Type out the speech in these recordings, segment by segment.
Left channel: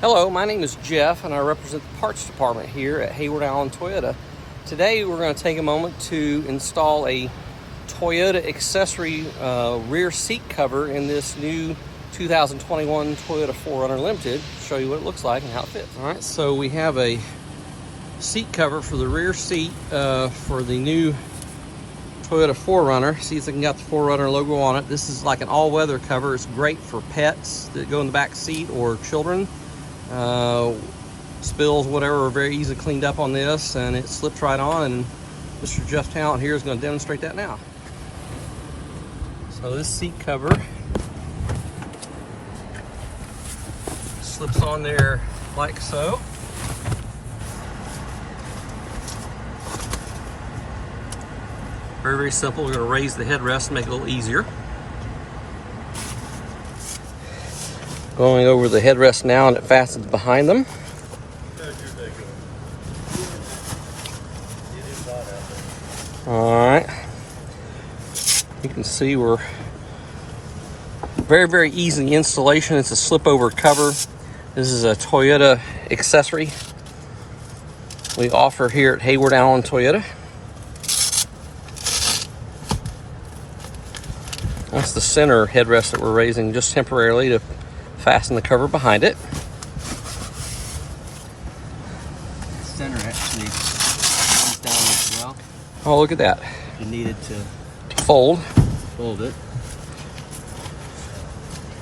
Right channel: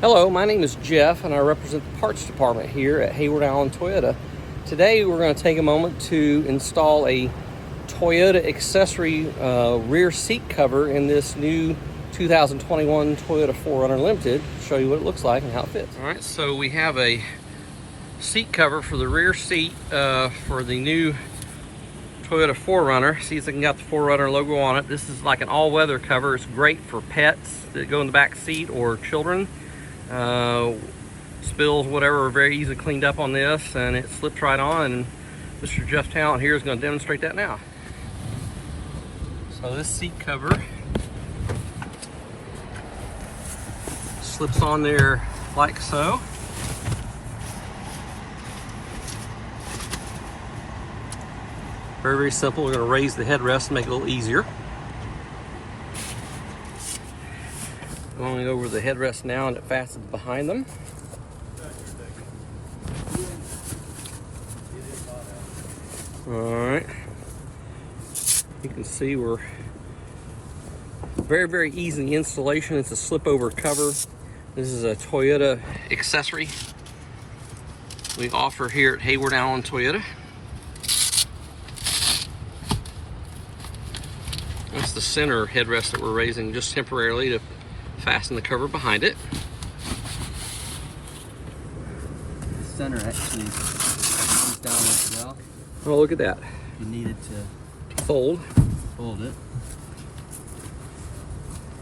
Hello, my name is Jeff and I represent the parts department here at Hayward Allen Toyota. Today we're going to take a moment to install a Toyota accessory rear seat cover in this new 2021 Toyota 4Runner Limited. Show you what it looks like and how it fits. Alright, so we have a seat cover for the rear seat for the new Toyota 4Runner. See if I can get the 4Runner logo on it. This is like an all-weather cover. It's great for pets that go in the back seat or children. Spills, whatever, are very easily cleaned up on this, and it slips right on, and Mr. Jeff Talent here is going to demonstrate that now. So this seat cover slips on there like so. Very, very simple. We're going to raise the headrest and make it a little easier. Going over the headrest now, and it fastens behind them. Alright. You can see we're very, very easy installation. It's a slip over cover. This is a Toyota accessory we offer here at Hayward Allen Toyota. That's the center headrest that we're raising just temporarily to fasten the cover behind it. The center actually comes down as well. Oh, look at that. If you needed to fold it.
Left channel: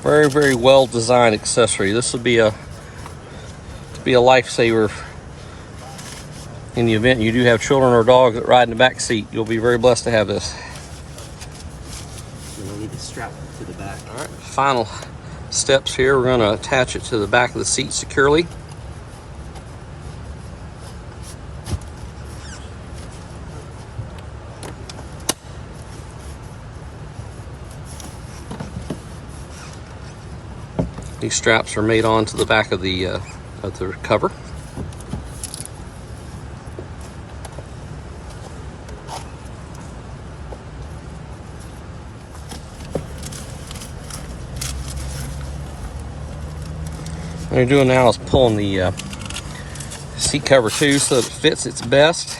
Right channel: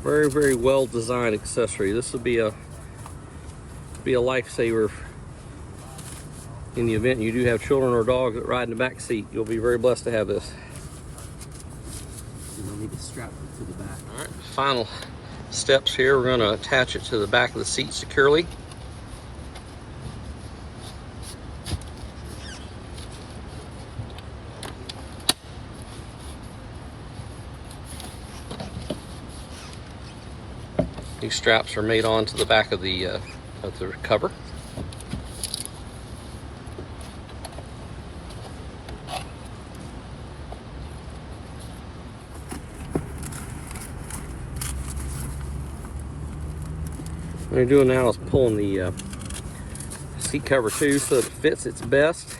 Very, very well designed accessory. This would be a lifesaver in the event you do have children or dogs that ride in the back seat. You'll be very blessed to have this. So we'll leave it strapped to the back. All right, final steps here. We're going to attach it to the back of the seat securely. These straps are made onto the back of the cover. What you're doing now is pulling the seat cover too so that it fits its best.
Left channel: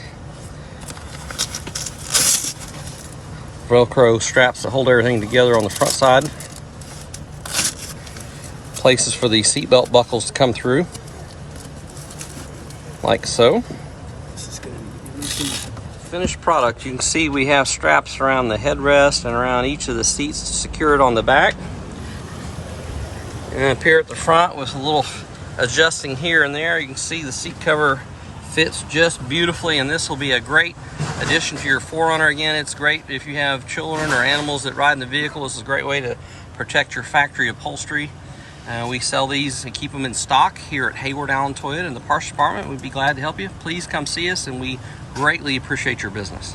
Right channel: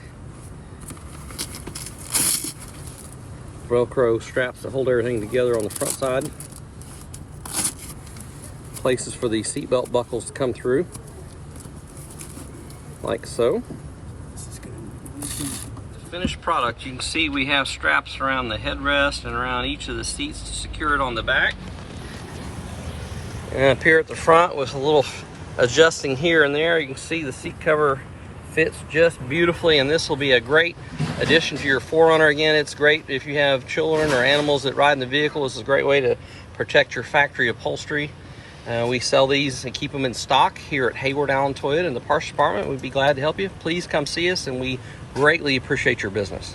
Velcro straps to hold everything together on the front side. Places for the seatbelt buckles to come through, like so. This is going to be Finished product. You can see we have straps around the headrest and around each of the seats to secure it on the back. And up here at the front with a little adjusting here and there, you can see the seat cover fits just beautifully, and this will be a great addition to your 4Runner. Again, it's great if you have children or animals that ride in the vehicle. This is a great way to protect your factory upholstery. We sell these and keep them in stock here at Hayward Allen Toyota in the parts department. We'd be glad to help you. Please come see us, and we greatly appreciate your business.